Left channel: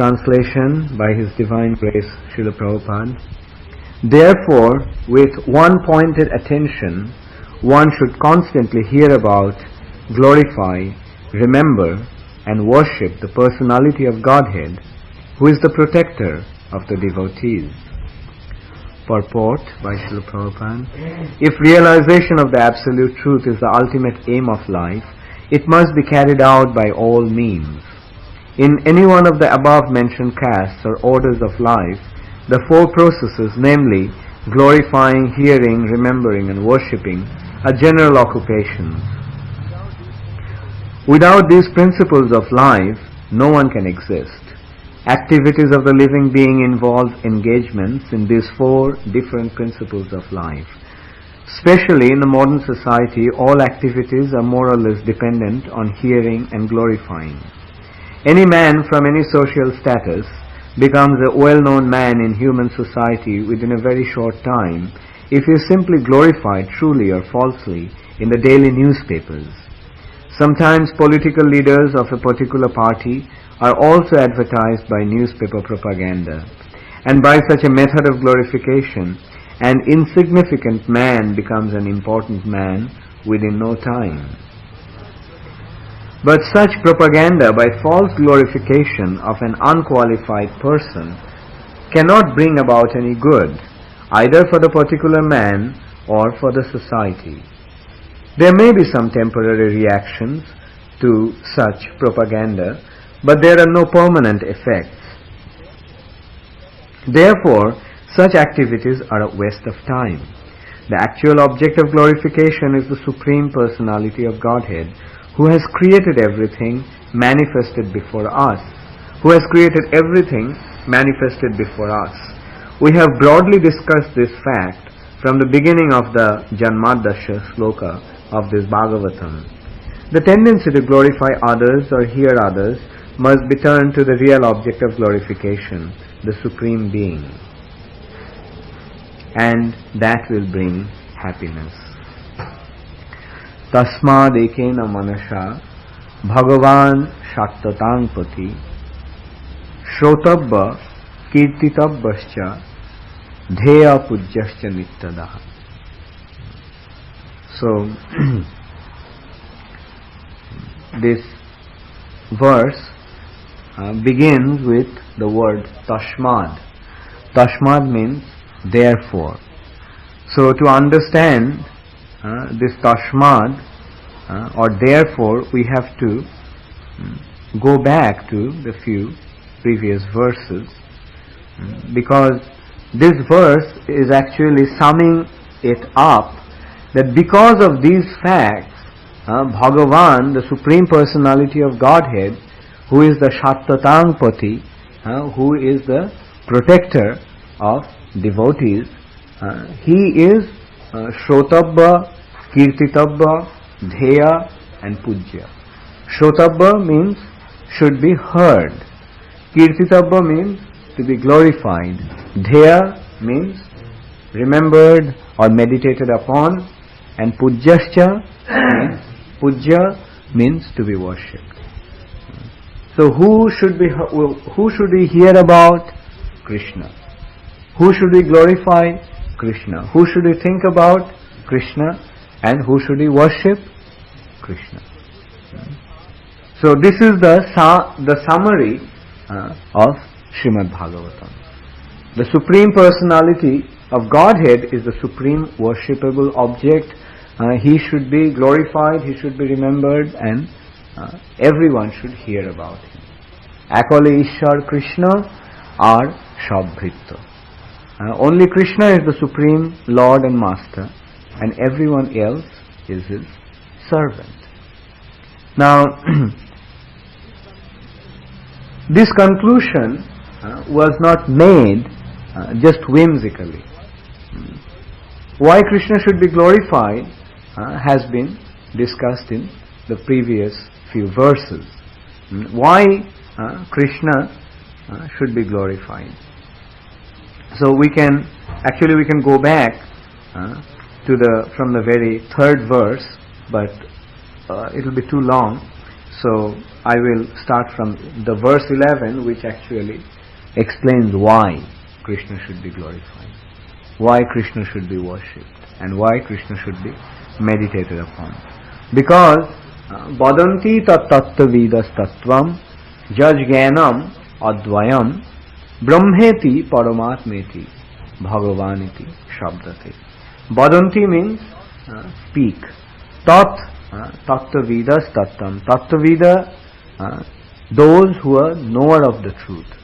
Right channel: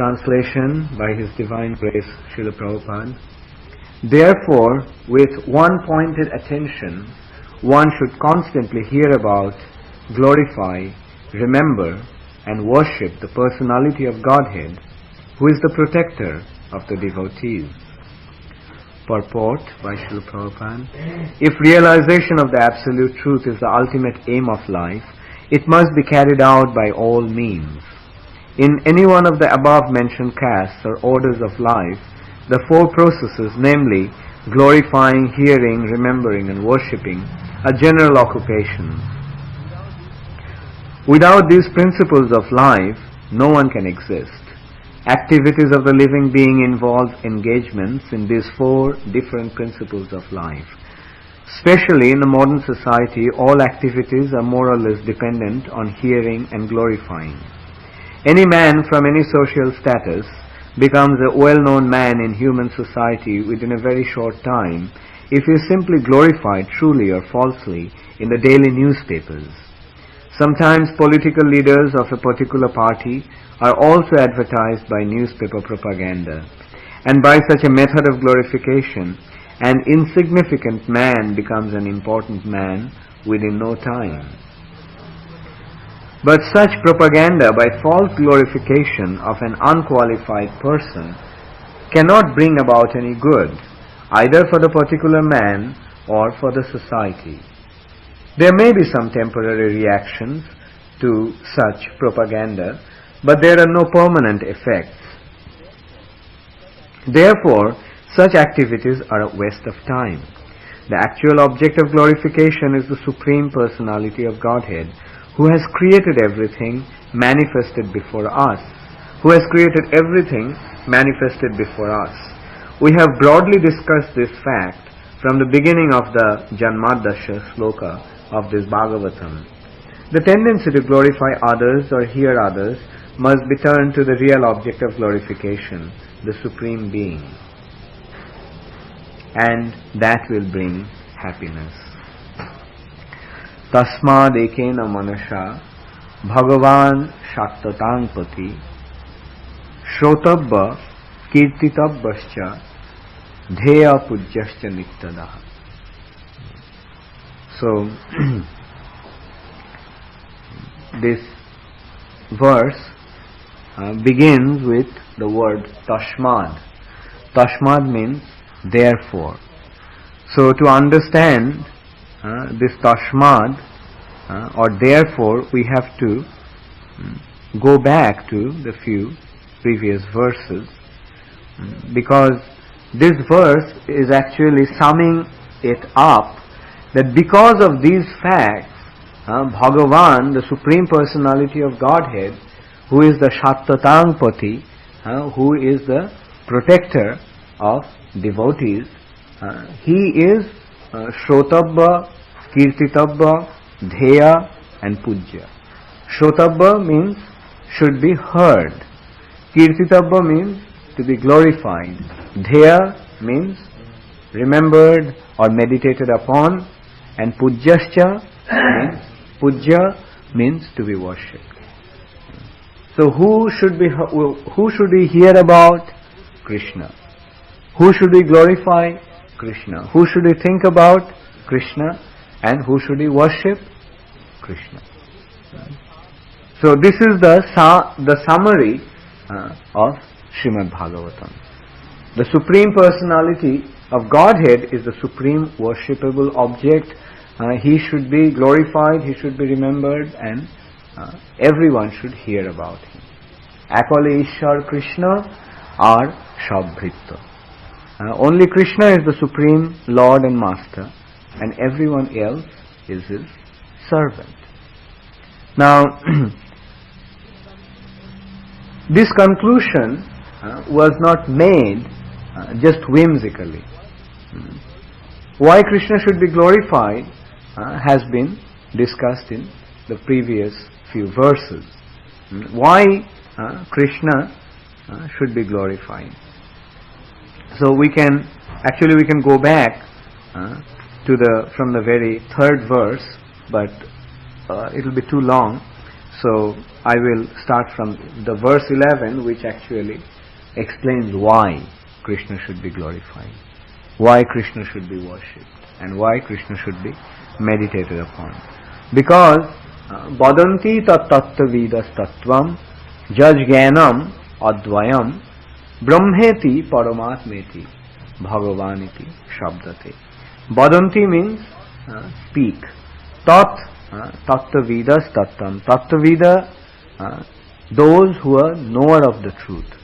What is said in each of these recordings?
Translation by His Divine Grace Srila Prabhupada. Therefore, with one-pointed attention, one should constantly hear about, glorify, remember, and worship the personality of Godhead, who is the protector of the devotees. Purport by Srila Prabhupada. If realization of the Absolute Truth is the ultimate aim of life, it must be carried out by all means. In any one of the above-mentioned castes or orders of life, the four processes, namely glorifying, hearing, remembering, and worshipping, are general occupations. Without these principles of life, no one can exist. Activities of the living being involve engagements in these four different principles of life. Especially in the modern society, all activities are more or less dependent on hearing and glorifying. Any man from any social status becomes a well-known man in human society within a very short time if he is simply glorified truly or falsely in the daily newspapers. Sometimes political leaders of a particular party are also advertised by newspaper propaganda, and by such a method of glorification, an insignificant man becomes an important man within no time. But such propaganda by false glorification of an unqualified person cannot bring about any good, either for the particular man or for the society. There may be some temporary reactions to such propaganda, but there are no permanent effects. Therefore, such activities are a waste of time. The actual object of glorification is the Supreme Personality of Godhead, who has created everything manifested before us. We have broadly discussed this fact from the beginning of the Janmadasya sloka of this Bhagavatam. The tendency to glorify others or hear others must be turned to the real object of glorification, the Supreme Being. And that will bring happiness. Tasmad ekena manasha Bhagavan Shaktatangpati Shrotabba Kirtitabbascha Dheya Pujyascha Nittada. So, this verse begins with the word Tashmad. Tashmad means therefore. So to understand this Tashmad or therefore, we have to go back to the few previous verses, because this verse is actually summing it up, that because of these facts, Bhagavan, the Supreme Personality of Godhead, who is the Shattatangpati, who is the protector of devotees, he is Shrotabba, Kirtitabba, Dheya and Pujya. Shrotabba means should be heard. Kirtitabba means to be glorified. Dheya means remembered or meditated upon. And Pujyascha means, Pujya means to be worshipped. So who should we hear about? Krishna. Who should we glorify? Krishna. Who should we think about? Krishna. And who should we worship? Krishna. So this is the summary of Srimad Bhagavatam. The Supreme Personality of Godhead is the supreme worshipable object. He should be glorified, he should be remembered, and everyone should hear about him. Akale Ishwar Krishna are Shabhritya. Only Krishna is the Supreme Lord and Master, and everyone else is his servant. Now, this conclusion was not made just whimsically. Why Krishna should be glorified has been discussed in the previous few verses. Why Krishna should be glorified? So we can go back from the very third verse, but it will be too long. So I will start from the verse 11, which actually explains why Krishna should be glorified, why Krishna should be worshipped, and why Krishna should be meditated upon. Because Vadanti tat tattva vidas tattvam jajganam advayam brahmeti paramatmeti bhagavaniti shabdate. Vadanti means speak. Tat tattva vidas tattvam. Tattva vida, those who are knower of the truth.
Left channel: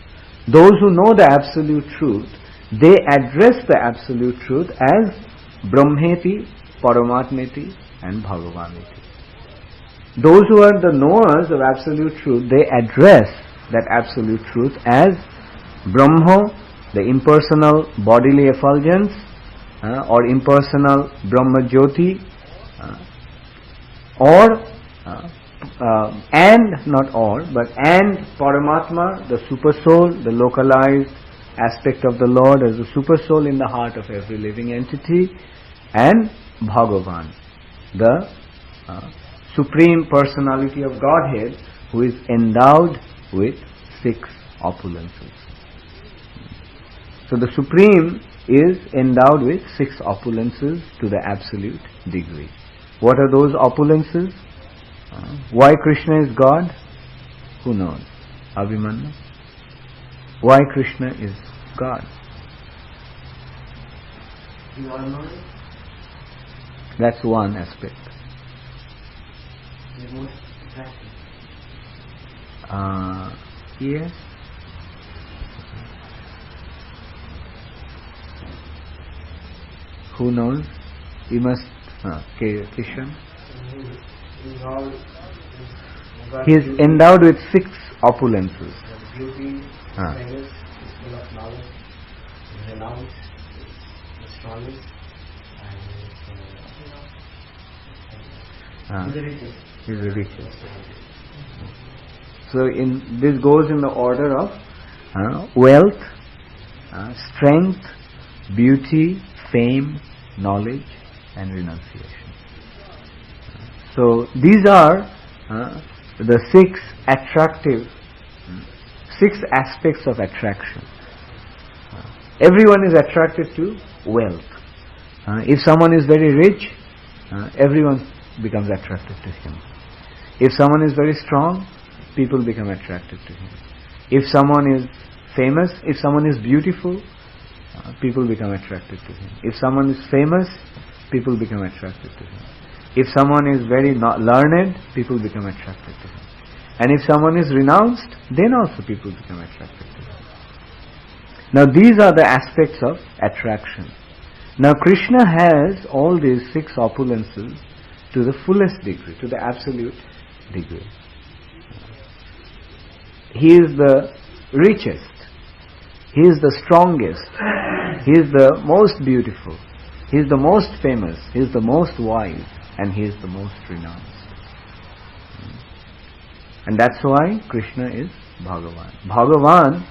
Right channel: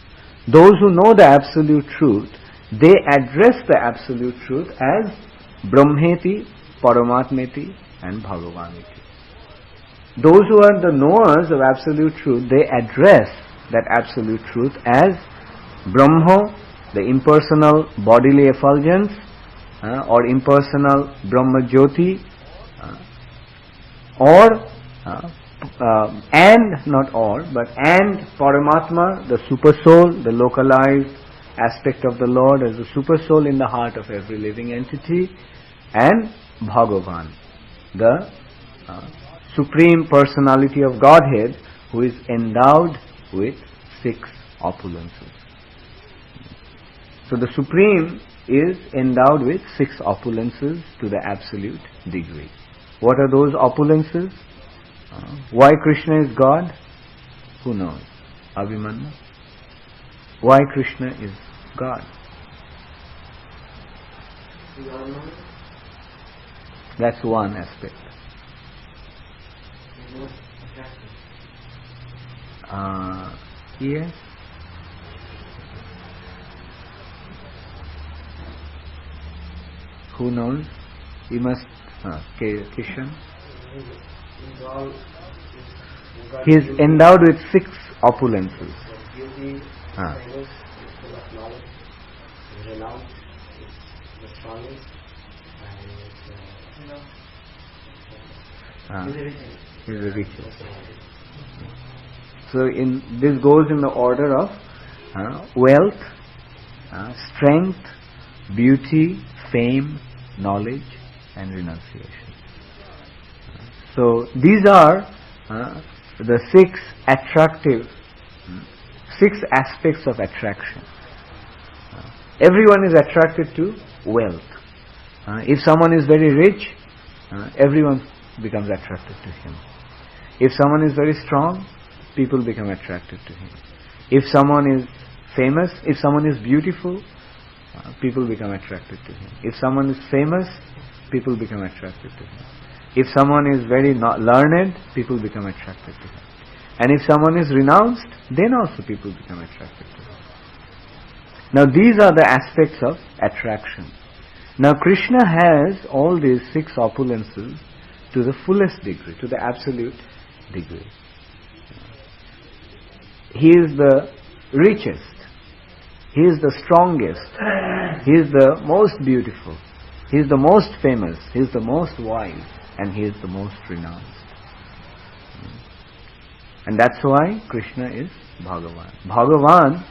Those who know the absolute truth, they address the absolute truth as Brahmeti, Paramatmeti and Bhagavaniti. Those who are the knowers of absolute truth, they address that absolute truth as Brahma, the impersonal bodily effulgence, or impersonal Brahma Jyoti, and Paramatma, the super soul, the localized aspect of the Lord as the super soul in the heart of every living entity, and Bhagavan, the supreme personality of Godhead, who is endowed with 6 opulences. So the Supreme is endowed with 6 opulences to the absolute degree. What are those opulences? Why Krishna is God? Who knows? Abhimanyu? Why Krishna is God? That's one aspect. Yes. Who knows? You must. Kishan. He is endowed with 6 opulences. He is the richest. So this goes in the order of wealth, strength, beauty, fame, knowledge and renunciation. So these are the 6 attractive, 6 aspects of attraction. Everyone is attracted to wealth. If someone is very rich, everyone becomes attracted to him. If someone is very strong, people become attracted to him. If someone is famous, if someone is beautiful, people become attracted to him. If someone is famous, people become attracted to him. If someone is very learned, people become attracted to him. And if someone is renounced, then also people become attracted to him. Now these are the aspects of attraction. Now Krishna has all these 6 opulences to the fullest degree, to the absolute degree. He is the richest. He is the strongest. He is the most beautiful. He is the most famous. He is the most wise. And he is the most renounced. And that's why Krishna is Bhagavan. Bhagavan,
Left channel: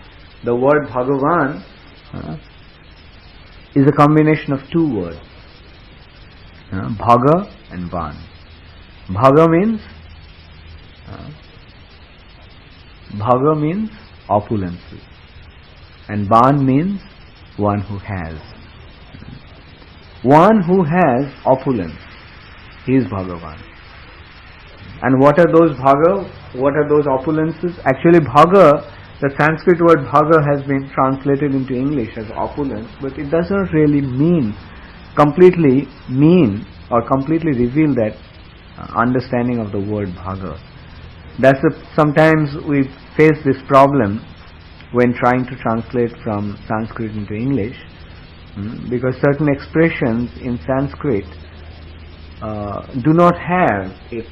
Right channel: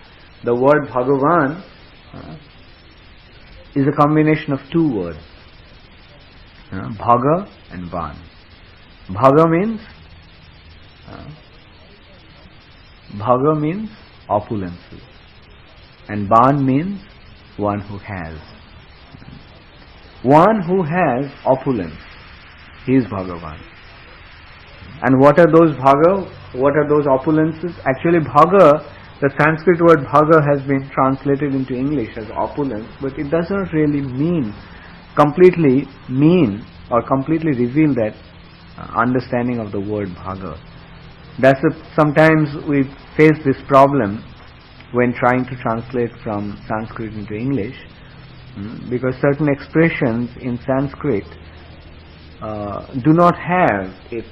the word Bhagavan is a combination of 2 words. Bhaga and Van. Bhaga means opulences. And Van means one who has. One who has opulence. He is Bhagavan. And what are those bhaga? What are those opulences? Actually bhaga, the Sanskrit word bhaga has been translated into English as opulence, but it does not really completely reveal that understanding of the word bhaga. Sometimes we face this problem when trying to translate from Sanskrit into English, because certain expressions in Sanskrit do not have its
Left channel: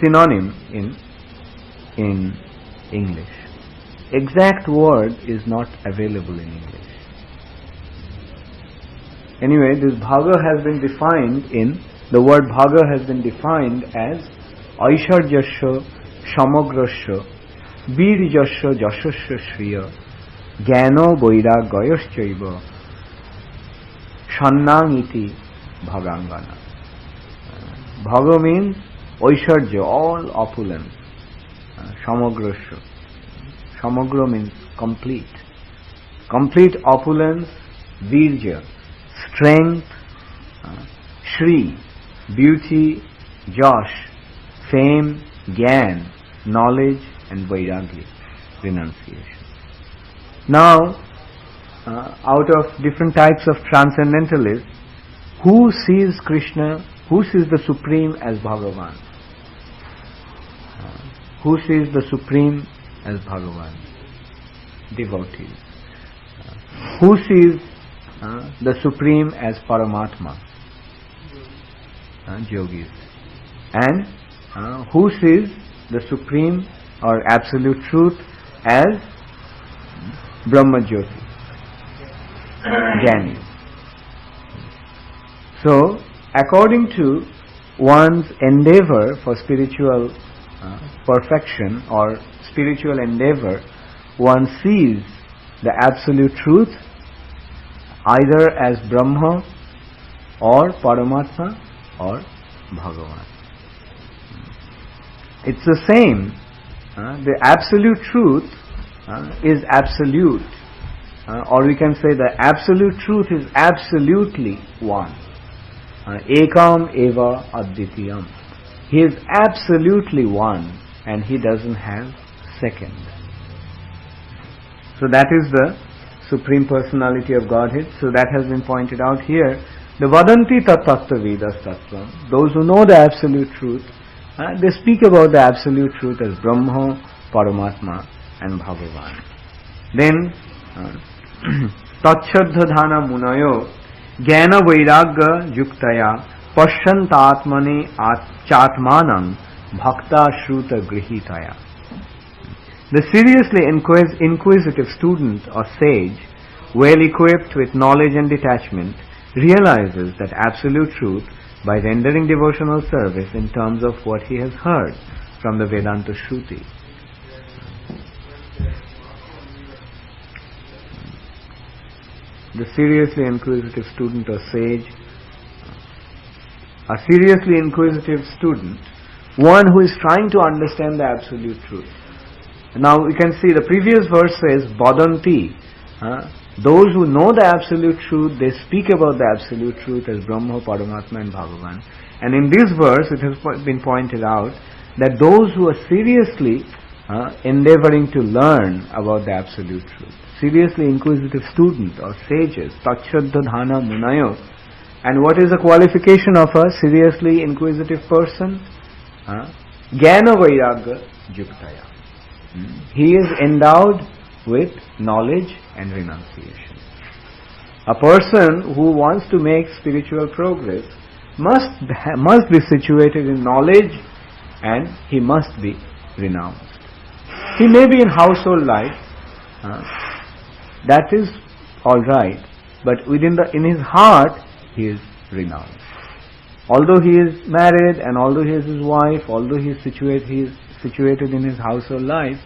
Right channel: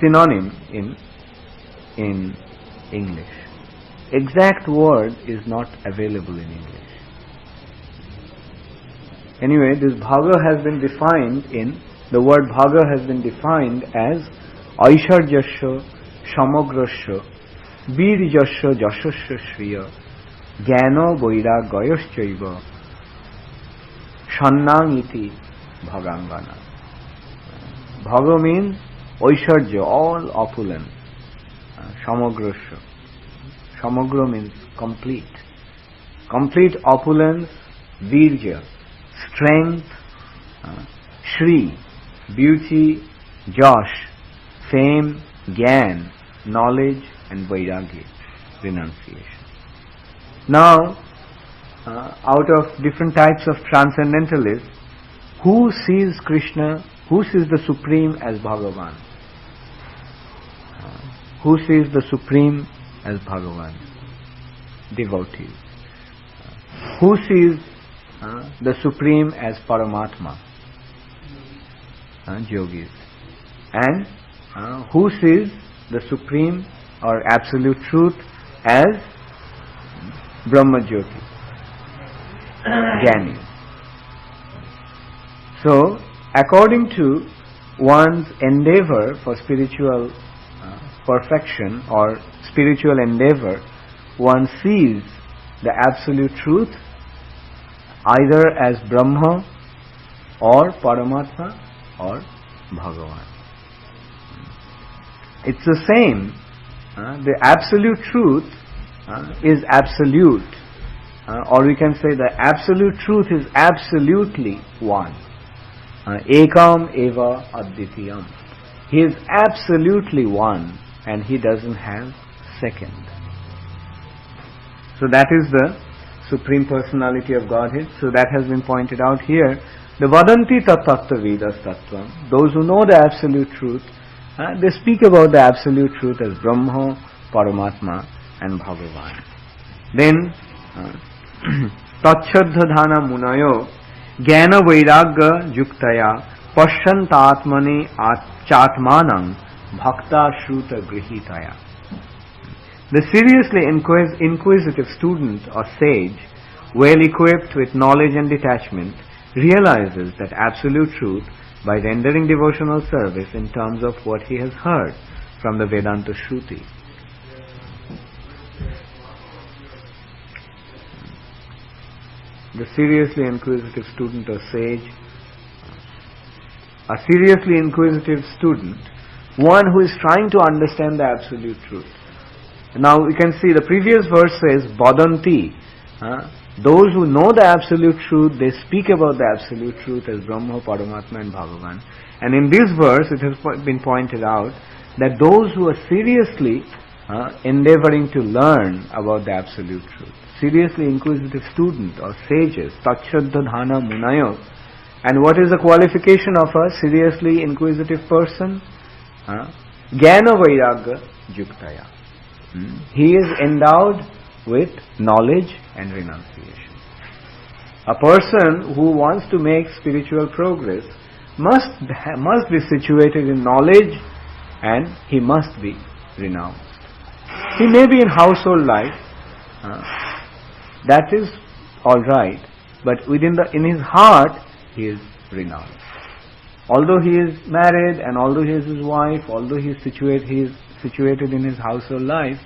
synonym in English. Exact word is not available in English. Anyway, this bhaga has been defined the word bhaga has been defined as aisharjasya samagrasya birjasya jasasya shriya jnana vairagyayaschaiva Shannamiti Bhagangana. Bhava means Oisharja, all opulence. Samagrasya. Samagra means complete. Complete opulence, Virya, strength, Shri, beauty, Josh, fame, Gyan, knowledge and Vairagya, renunciation. Now, out of different types of transcendentalists, who sees Krishna, who sees the Supreme as Bhagavan? Who sees the Supreme as Bhagavan? Devotees. Who sees the Supreme as Paramatma? Yogis. And who sees the Supreme or Absolute Truth as Brahma Jyoti? Jnani. So, according to one's endeavor for spiritual perfection or spiritual endeavor, one sees the Absolute Truth either as Brahma or Paramatma or Bhagavan. It's the same. The Absolute Truth is absolute. Or we can say the Absolute Truth is absolutely one. Ekam eva advitiyam. He is absolutely one and he doesn't have second. So that is the Supreme Personality of Godhead. So that has been pointed out here. The vadanti tattva vedas tattvam. Those who know the Absolute Truth, they speak about the Absolute Truth as Brahma, Paramatma and Bhagavan. Then Tacchaddhana munayo Jnana Vairagya Yuktaya Pashyantatmani Chatmanam Bhakta Shruta Grihitaya. The seriously inquisitive student or sage, well equipped with knowledge and detachment, realizes that Absolute Truth by rendering devotional service in terms of what he has heard from the Vedanta Shruti. The seriously inquisitive student or sage, a seriously inquisitive student, one who is trying to understand the Absolute Truth. Now we can see the previous verse says, Badanti. Those who know the Absolute Truth, they speak about the Absolute Truth as Brahma, Paramatma and Bhagavan. And in this verse it has been pointed out that those who are seriously endeavoring to learn about the Absolute Truth, seriously inquisitive student or sages, Tacchaddhana munayo. And what is the qualification of a seriously inquisitive person? Jnana Vairagya Yuktaya. He is endowed with knowledge and renunciation. A person who wants to make spiritual progress must be situated in knowledge and he must be renounced. He may be in household life, that is alright, but in his heart he is renounced. Although he is married and although he has his wife, although he is situated in his household life,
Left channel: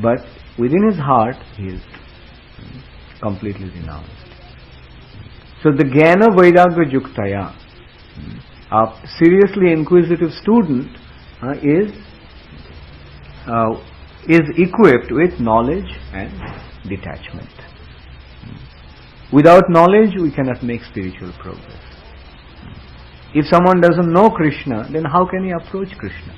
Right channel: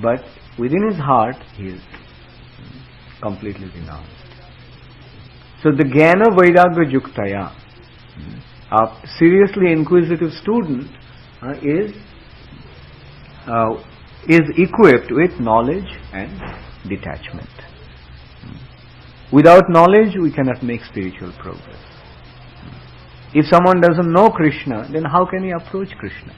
but within his heart he is completely renounced. So the Jnana Vairagya Yuktaya, a seriously inquisitive student is equipped with knowledge and detachment. Without knowledge we cannot make spiritual progress. If someone doesn't know Krishna, then how can he approach Krishna?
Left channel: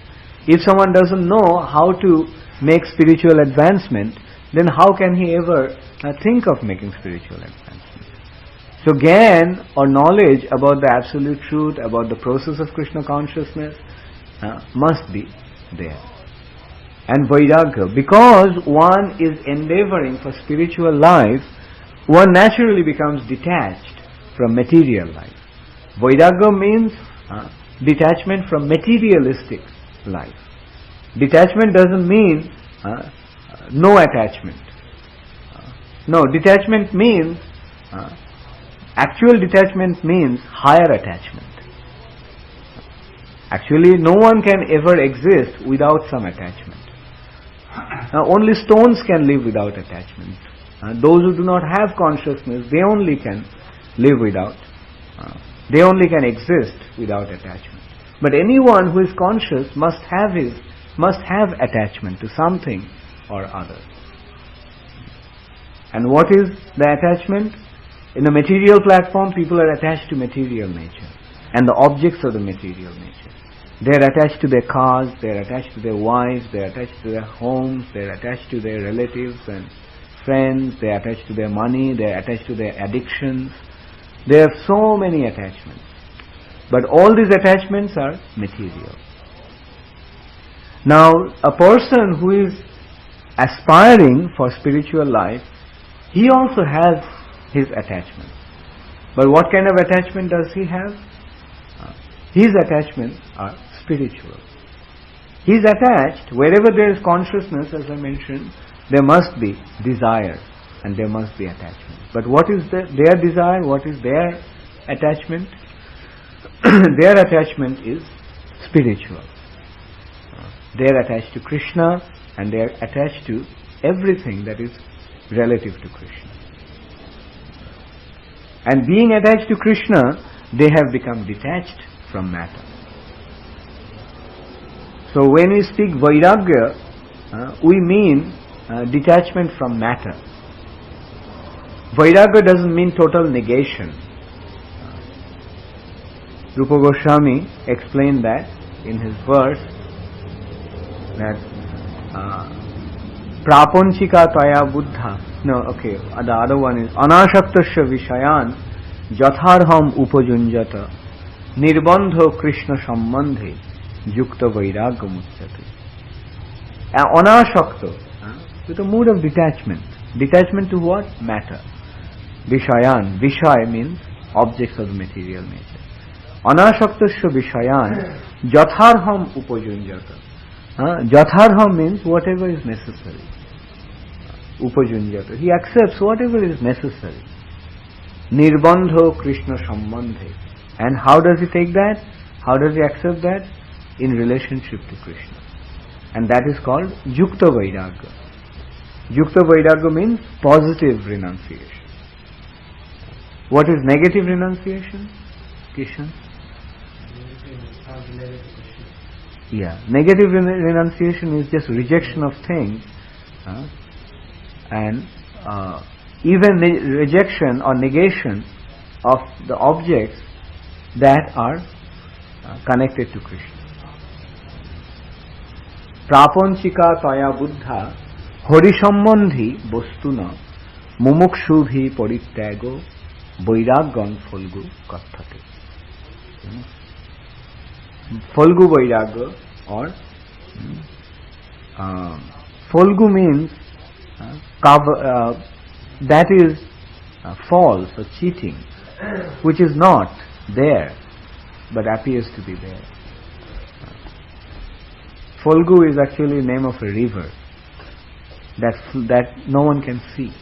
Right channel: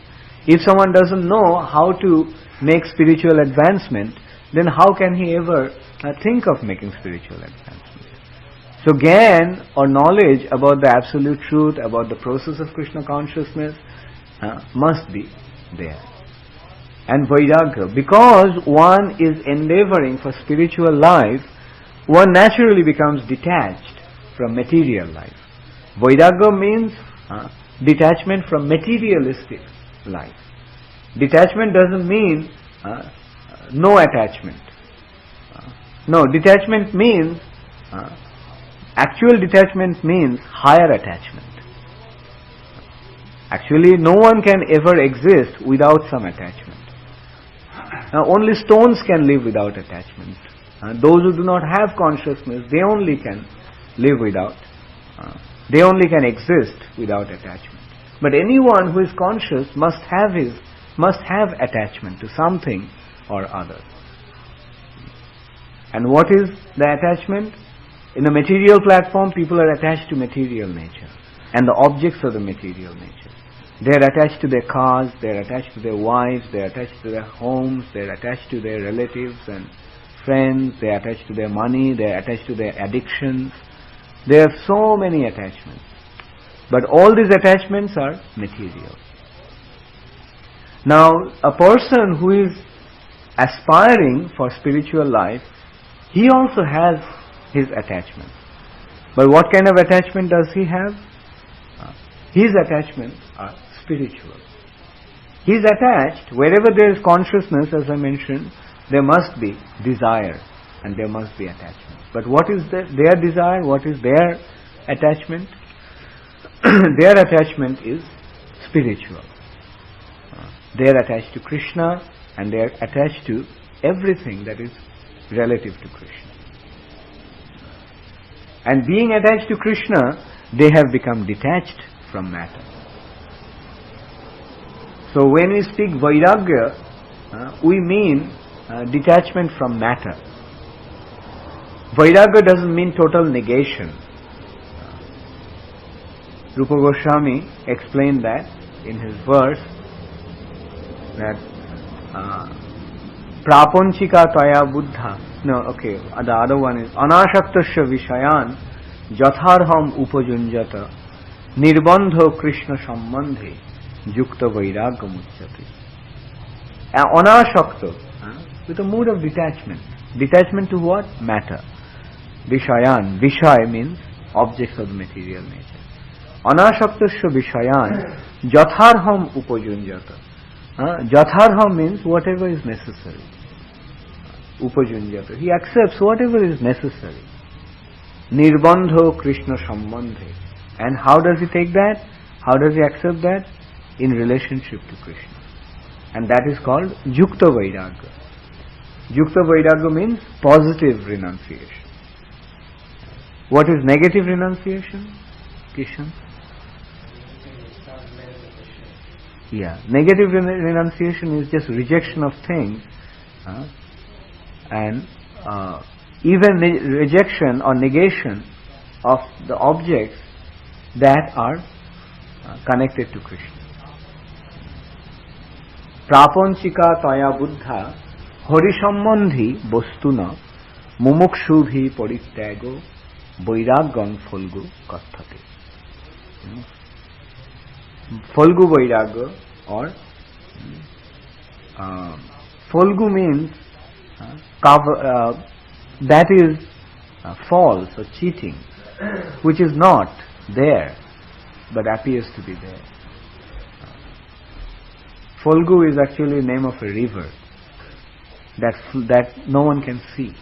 If someone doesn't know how to make spiritual advancement, then how can he ever think of making spiritual advancement? So Gyan or knowledge about the Absolute Truth, about the process of Krishna consciousness must be there. And Vairagya, because one is endeavoring for spiritual life, one naturally becomes detached from material life. Vairagya means detachment from materialistic life. Detachment doesn't mean no attachment. No, detachment means, actual detachment means higher attachment. Actually, no one can ever exist without some attachment. Now, only stones can live without attachment. Those who do not have consciousness, they only can live without, they only can exist without attachment. But anyone who is conscious must have attachment to something or other. And what is the attachment? In the material platform, people are attached to material nature and the objects of the material nature. They are attached to their cars, they are attached to their wives, they are attached to their homes, they are attached to their relatives and friends, they are attached to their money, they are attached to their addictions. There are so many attachments. But all these attachments are material. Now, a person who is aspiring for spiritual life, he also has his attachment. But what kind of attachment does he have? His attachments are spiritual. He is attached, wherever there is consciousness, as I mentioned, there must be desire and there must be attachment. But what is their desire? What is their attachment? Their attachment is spiritual. They are attached to Krishna and they are attached to everything that is relative to Krishna. And being attached to Krishna, they have become detached from matter. So when we speak Vairagya, we mean detachment from matter. Vairagya doesn't mean total negation. Rupa Goswami explained that in his verse that Prapanchika Taya Buddha. The other one is Anashaktasya Vishayan Jatharham Upajunjata Nirbandha Krishna Sambandhe Yukta Vairagya Muchyate. Anashakta, with a mood of detachment. Detachment to what? Matter. Vishayan. Vishaya means objects of the material nature. Anashaktasya Vishayan Jatharham Upajunjata. Jatharham means whatever is necessary. Upajunjata. He accepts whatever is necessary. Nirbandho Krishna Sambandhe. And how does he take that? How does he accept that? In relationship to Krishna. And that is called Yukta Vairagya. Yukta Vairagya means positive renunciation. What is negative renunciation? Kishan? Yeah, negative renunciation is just rejection of things, and even rejection or negation of the objects that are connected to Krishna. Prapanchika Taya Buddha Horisambandhi Bostuna Mumukshubhi Parittyago Vairagyan Folgu Kathate. Folgu Vairagya, or Folgu means that is false or cheating, which is not there but appears to be there. Folgu is actually the name of a river that no one can see.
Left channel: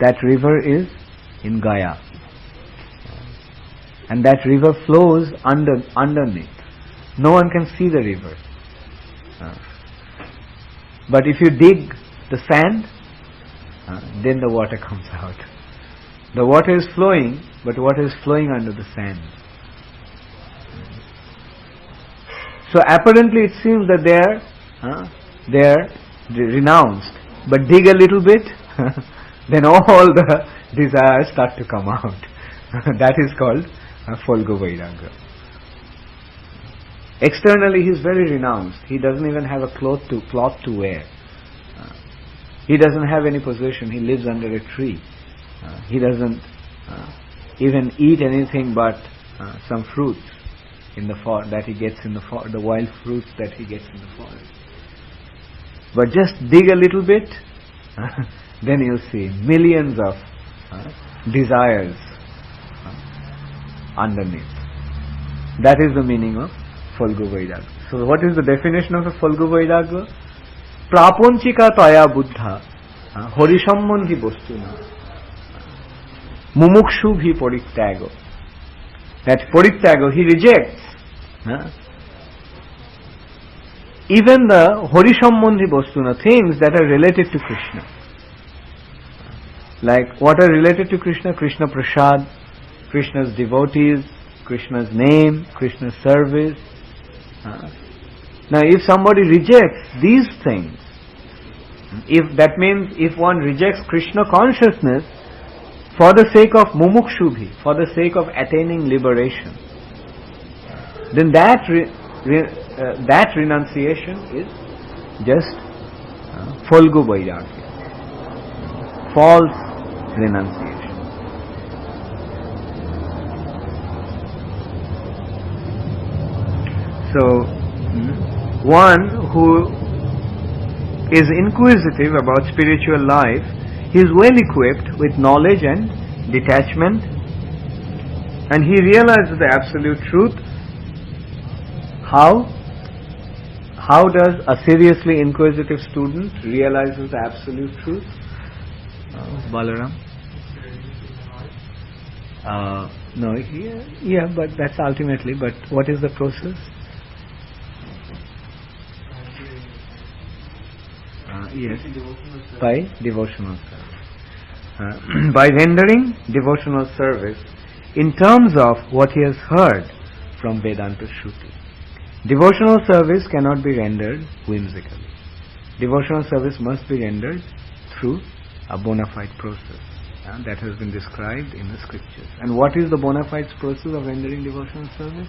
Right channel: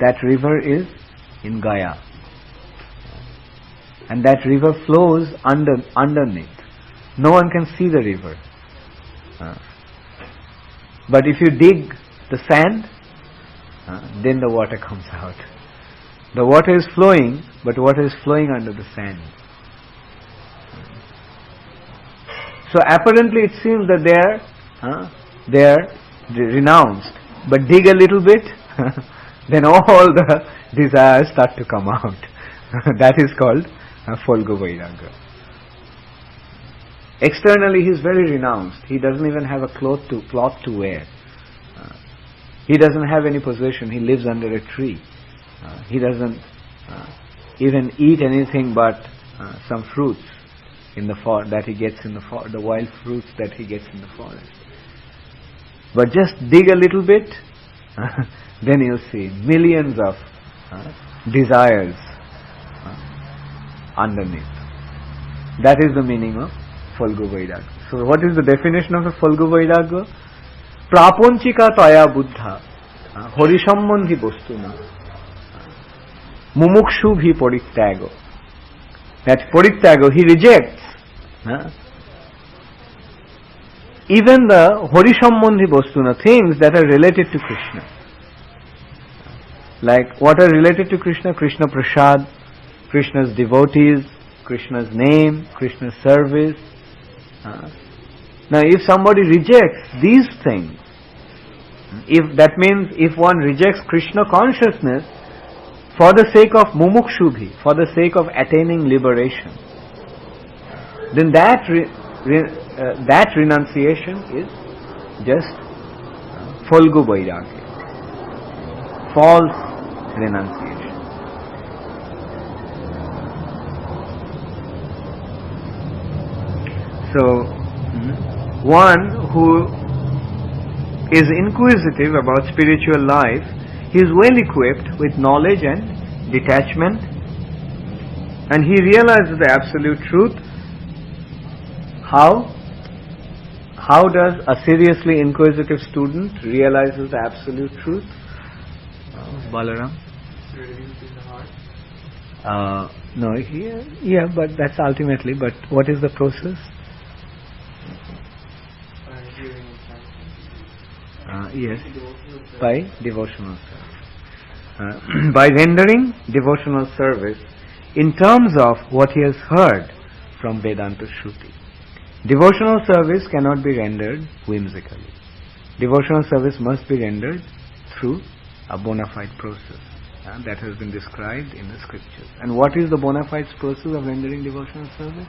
That river is in Gaya, and that river flows underneath. No one can see the river. But if you dig the sand, then the water comes out. The water is flowing, but water is flowing under the sand. So apparently it seems that they are renounced. But dig a little bit, then all the desires start to come out. That is called Folgu Vairagya. Externally he is very renounced. He doesn't even have a cloth to wear. He doesn't have any possession. He lives under a tree. He doesn't even eat anything but some fruits in the forest that he gets in the wild fruits that he gets in the forest. But just dig a little bit, then you'll see millions of desires underneath. That is the meaning of Folgu Vairagya. So what is the definition of a Folgu Vairagya? Prapanchika Taya Buddha Horisambandhi Bostuna Mumukshubhi Parittyago. That Parittyago, he rejects even the Horisambandhi Bostuna, things that are related to Krishna. Like what are related to Krishna? Krishna Prasad, Krishna's devotees, Krishna's name, Krishna's service. Now if somebody rejects these things, if that means if one rejects Krishna consciousness for the sake of mumukshubhi, for the sake of attaining liberation, then that renunciation is just Folgu Vairagya, false renunciation. So, one who is inquisitive about spiritual life, he is well equipped with knowledge and detachment, and he realizes the absolute truth. How does a seriously inquisitive student realizes the absolute truth? Balaram? No, yeah, but that's ultimately. But what is the process? Yes, by devotional service. By rendering devotional service in terms of what he has heard from Vedanta Shruti. Devotional service cannot be rendered whimsically. Devotional service must be rendered through a bona fide process that has been described in the scriptures. And what is the bona fide process of rendering devotional service?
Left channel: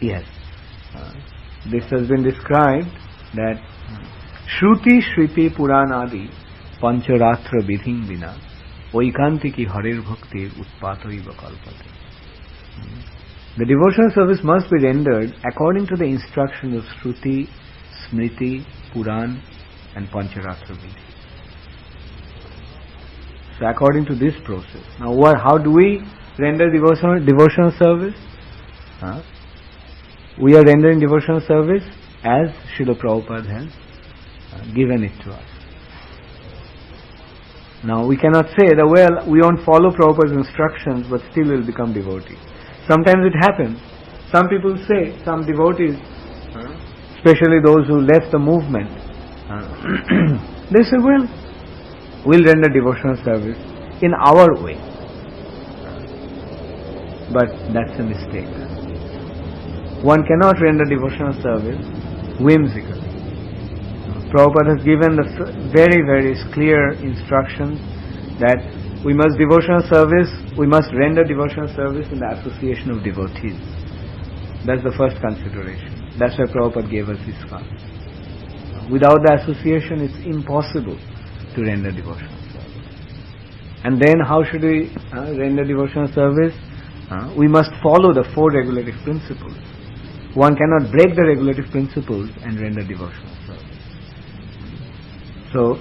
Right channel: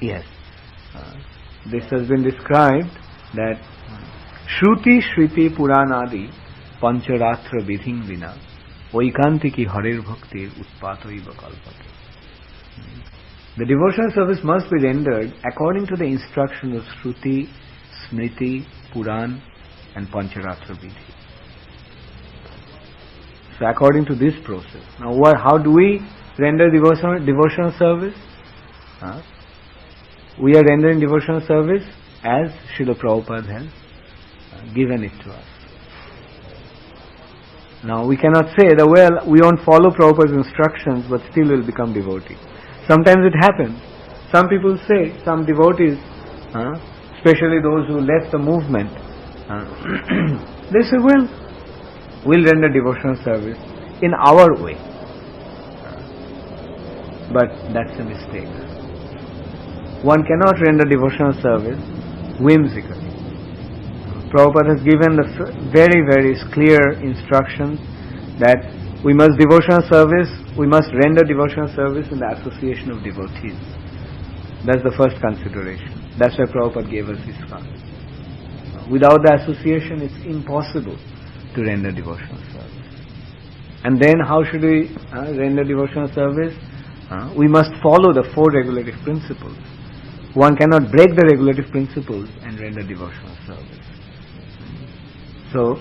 Yes. This has been described that Shruti Shriti Puranadi Pancharatra Vidhim Vina Vaikantiki Harir Bhaktir Utpatoiva Kalpate. The devotional service must be rendered according to the instructions of Shruti, Smriti, Puran and Pancharatra Vidhi. So according to this process. Now how do we render devotional service? We are rendering devotional service as Srila Prabhupada has given it to us. Now we cannot say that, well, we won't follow Prabhupada's instructions but still will become devotees. Sometimes it happens. Some people say, some devotees, especially those who left the movement, they say, well, we'll render devotional service in our way. But that's a mistake. One cannot render devotional service whimsically. Prabhupada has given the very, very clear instructions that we must render devotional service in the association of devotees. That's the first consideration. That's why Prabhupada gave us ISKCON. Without the association, it's impossible to render devotional service. And then how should we render devotional service? We must follow the 4 regulative principles. One cannot break the regulative principles and render devotional service. So,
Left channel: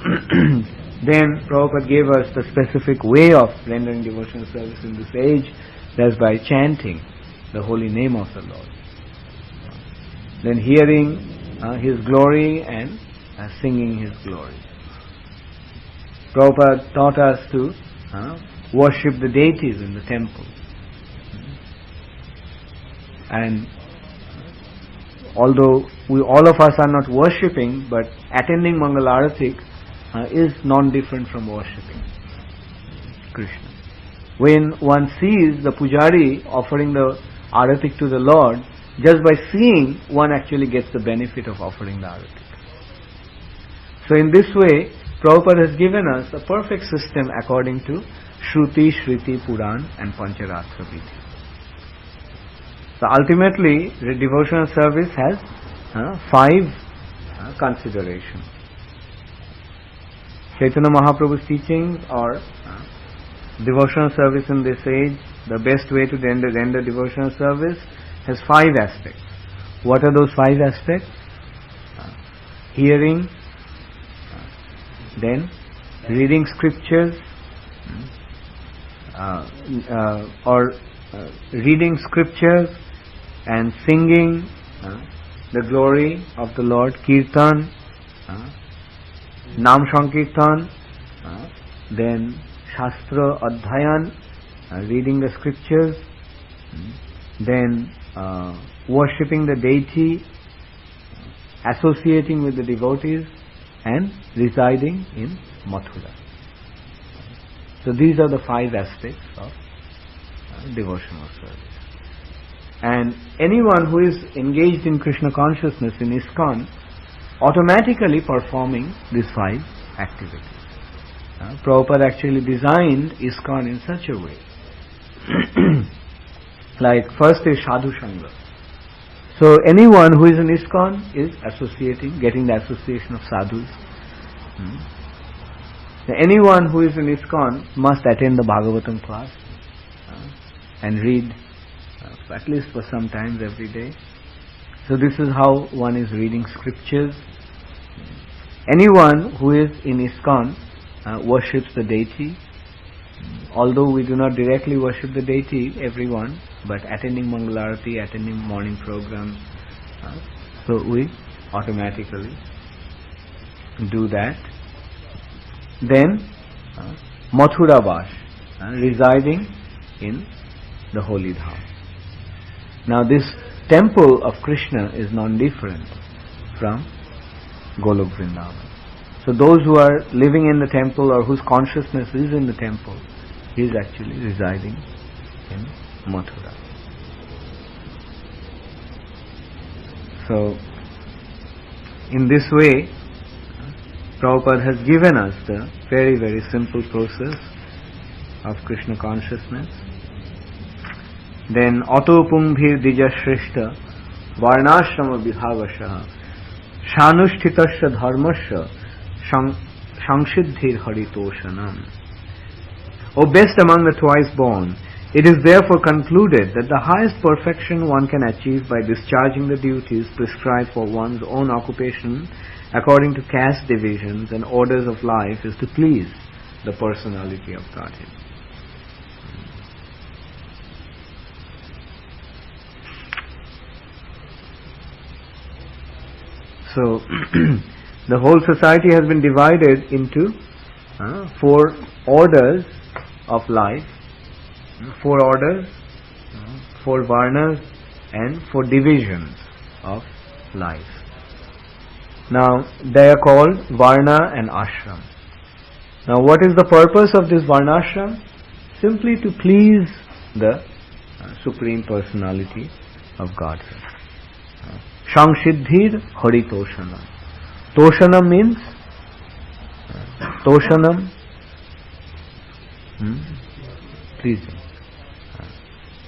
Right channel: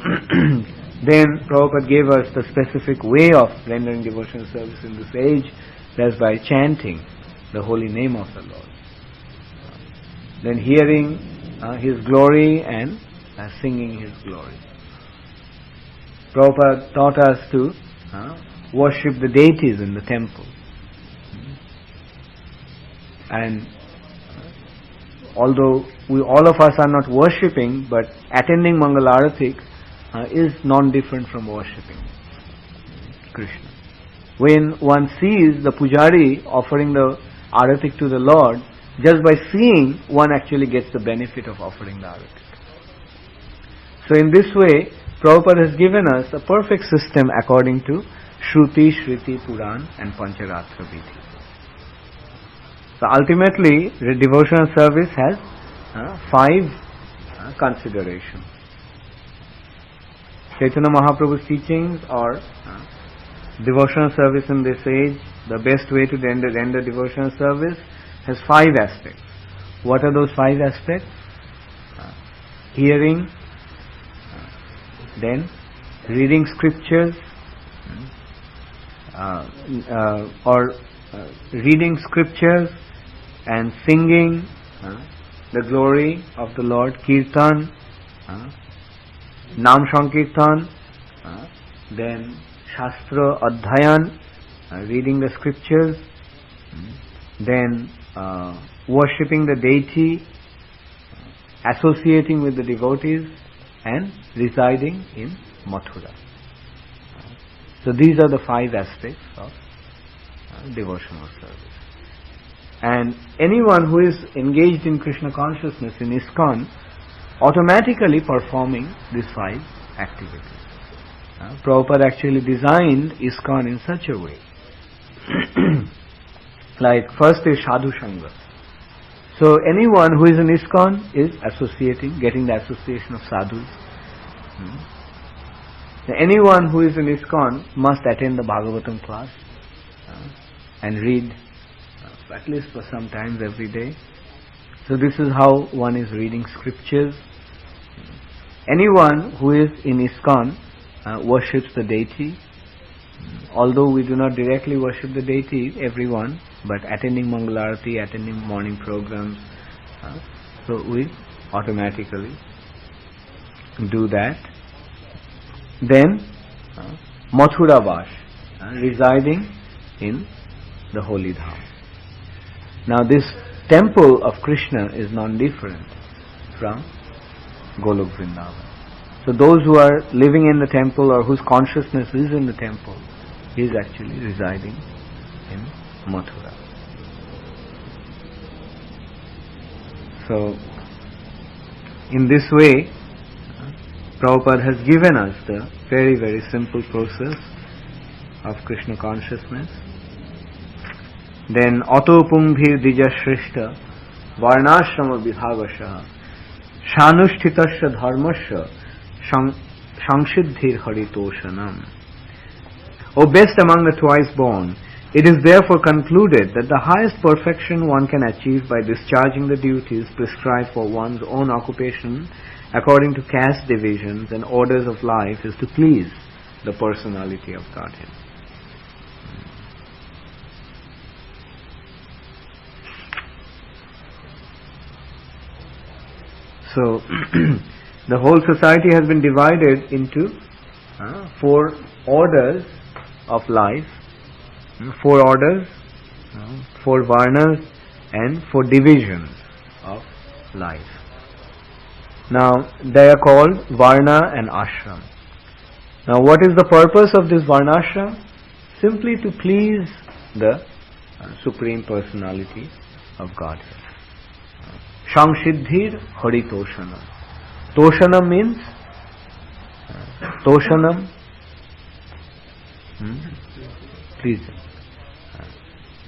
then Prabhupada gave us the specific way of rendering devotional service in this age, that's by chanting the holy name of the Lord. Then hearing His glory and singing His glory. Prabhupada taught us to worship the deities in the temple. And although all of us are not worshipping, but attending Mangalarati is non-different from worshipping Krishna. When one sees the pujari offering the aratik to the Lord, just by seeing, one actually gets the benefit of offering the aratik. So in this way, Prabhupada has given us a perfect system according to Shruti, Shriti, Puran and Pancharatra Vidhi. So ultimately, the devotional service has 5 considerations. Chaitanya Mahaprabhu's teachings are devotional service in this age. The best way to render devotional service has 5 aspects. What are those 5 aspects? Hearing, then reading scriptures, reading scriptures and singing the glory of the Lord, Kirtan, Nam Sankirtan, then Shastra Adhyayan, reading the scriptures, then worshipping the deity, associating with the devotees, and residing in Mathura. So these are the 5 aspects of devotional service. And anyone who is engaged in Krishna consciousness in ISKCON automatically performing these 5 activities. Prabhupada actually designed ISKCON in such a way. Like first is Sadhu Sangha. So anyone who is in ISKCON is associating, getting the association of sadhus. Anyone who is in ISKCON must attend the Bhagavatam class and read at least for some times every day. So this is how one is reading scriptures. Anyone who is in ISKCON worships the deity. Although we do not directly worship the deity, everyone, but attending Mangalarati, attending morning programs, so we automatically do that. Then Mathura Vash, residing in the holy dham. Now this temple of Krishna is non-different from Golok Vrindavan. So those who are living in the temple or whose consciousness is in the temple, he is actually residing in Mathura. So in this way, Prabhupada has given us the very, very simple process of Krishna consciousness. Then Ato Pungbhir Dija Shrishta Varnashrama Vibhavasha Shanushthitasya Dharmasya Shanksiddhir Haritoshanam. O best among the twice born, it is therefore concluded that the highest perfection one can achieve by discharging the duties prescribed for one's own occupation according to caste divisions and orders of life is to please the personality of Godhead. So the whole society has been divided into 4 orders of life, 4 orders, 4 varnas and 4 divisions of life. Now they are called varna and ashram. Now what is the purpose of this varnashram? Simply to please the Supreme Personality of Godhead. Shanksiddhir Haritoshanam. Toshanam means pleasing.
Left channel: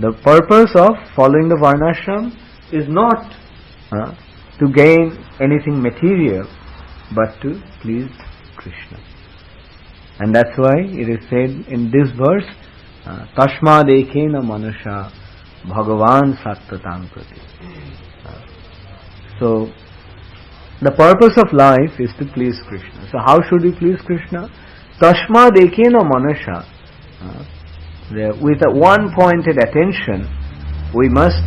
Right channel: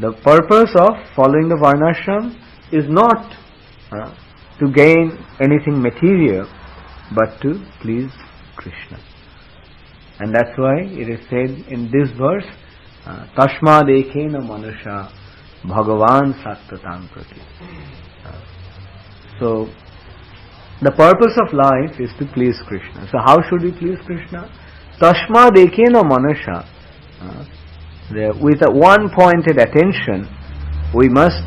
The purpose of following the varnashram is not to gain anything material, but to please Krishna. And that's why it is said in this verse, Tashma dekena manusha bhagavan sattvatam prati. So the purpose of life is to please Krishna. So how should we please Krishna? Tashma dekena manusha. With a one-pointed attention, we must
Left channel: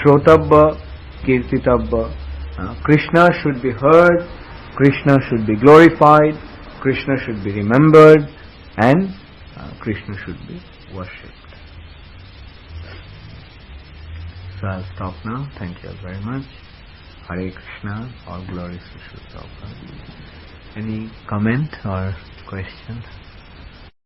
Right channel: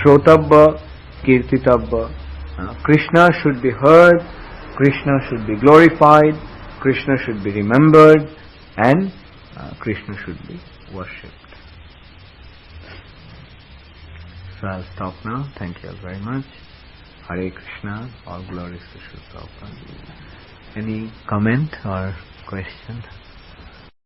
shrotabba, kirtitabba. Krishna should be heard, Krishna should be glorified, Krishna should be remembered, and Krishna should be worshipped. So I'll stop now. Thank you very much. Hare Krishna, all glories to Sri Prabhupada. Any comment or question?